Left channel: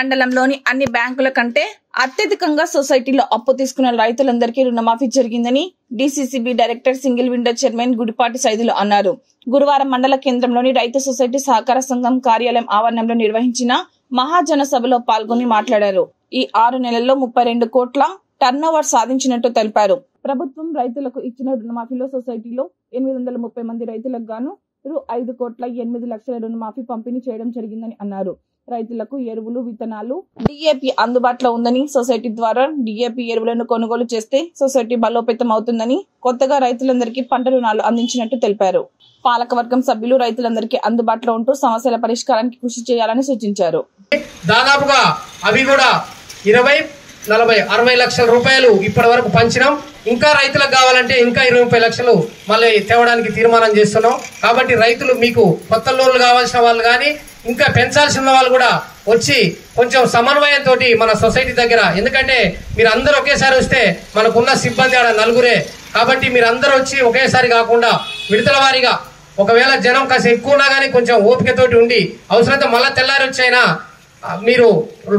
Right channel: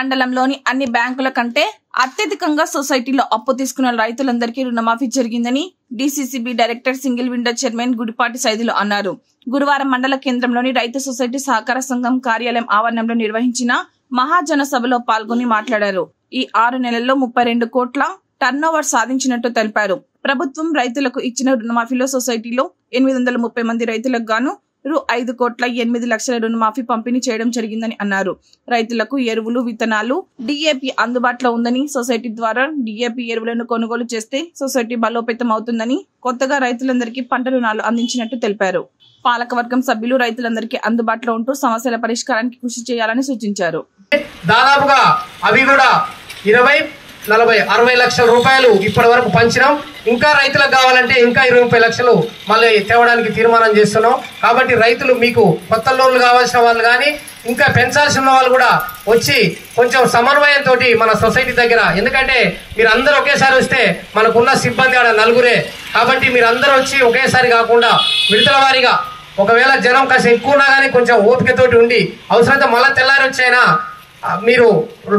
మండలంలోని అన్ని బ్యాంకుల కంటే అత్యధికంగా సొసైటీలో అప్పు తీసుకున్న రైతులందరికీ రుణమాఫీ జరిగిందని DCCB director single window chairman Gudipati Saidulu అన్నారు. గురువారం మండల కేంద్రంలోని రైతు సొసైటీ సహకార సంఘం కార్యాలయం ఆవరణంలో నిర్వహించిన మహాజన సభలో పాల్గొని మాట్లాడారు. ఈ 6 నెలల్లో 32 కోట్ల టర్నోవర్ సాధించినట్టు తెలిపారు. ప్రభుత్వం రైతులకు ఇచ్చిన రుణమాఫీలో సొసైటీలో 830 మంది రైతులకు గాను రూ. 5,08,00,000 రుణమాఫీ పంపిణీ చేయడం జరిగిందని అన్నారు. రైతులకు ఎరువులు, విత్తనాలు, డీఏపీ అందుబాటులో ఉందని, సొసైటీ ద్వారా డీఏపీ ఎరువులను కొనుగోలు చేస్తే సొసైటీ బలోపేతం అవుతుందని, కొత్తగా రైతులందరికీ పంట రుణాలు అందించినట్టు తెలిపారు. పాలకవర్గం సభ్యులు రైతులందరికీ అందుబాటులో ఉంటూ సమస్యల పరిష్కారానికి కృషి చేయాలని సూచించారు. దాదాపుగా అవి కూడా 20, 40, 60 లక్షల రూపాయలు ఇప్పటి వరకు పంచినాం. ఇంకా రైతులకు కావాలంటే ఇంకా 20 లక్షలు మళ్ళీ తేవడానికి తీర్మానం చేస్తున్నాం. కాబట్టి రైతులు, మీకు కొత్త లోన్లు కావాల్సిన వాళ్ళు కానీ ఇంకా పెంచాల్సిన వాళ్ళు కూడా వచ్చి కొంచెం సమన్వయంతో మన సొసైటీ దగ్గర, ఎందుకంటే మీరు అందరూ ఒకేసారి వస్తే మనకున్న సిబ్బంది ఆడ 4 కాబట్టి మీరు అందరూ వచ్చి ఒకేసారి కాకుండా విడతల వారీగా, ఒకవేళ జనం కాస్త ఎక్కువ ఉన్నా కానీ కొంచెం ఓపికతోటి ఉండి అవసరమైతే మళ్ళీ తెల్లారి వచ్చైనా మీరు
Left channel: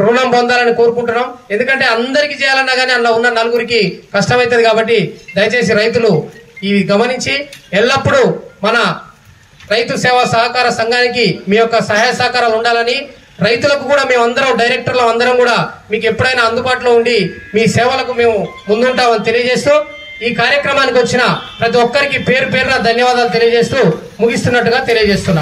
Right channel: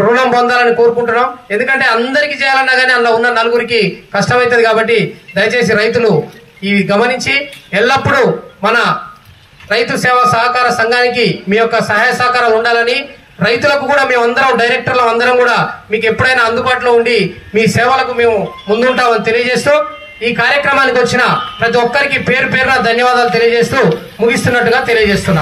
రుణం పొందాలని కోరుకుంటున్నాం. ఎందుకంటే అందరికి చేయాలన్నా కానీ అలా ఉన్న 4 కష్టమవుతుంది. కాబట్టి దయచేసి రైతులు ఇవి గమనించి ఎల్లప్పుడూ మన రైతు సేవా సహకార సంఘానికి మీ యొక్క సహాయ సహకారాలు ఉండాలని, రైతులకు కూడా మేమందరం డైరెక్టర్లు అందరం కూడా మీకు ఎప్పుడైనా అందుబాటులో ఉండి మీ సేవలకు మేము ముందుంటామని తెలియజేస్తూ, ఈ కార్యక్రమానికి వచ్చిన ప్రతి ఒక్కరికి పేరు పేరున ధన్యవాదాలు తెలియజేస్తూ ముగిస్తున్నట్టుగా తెలియజేస్తున్నాం.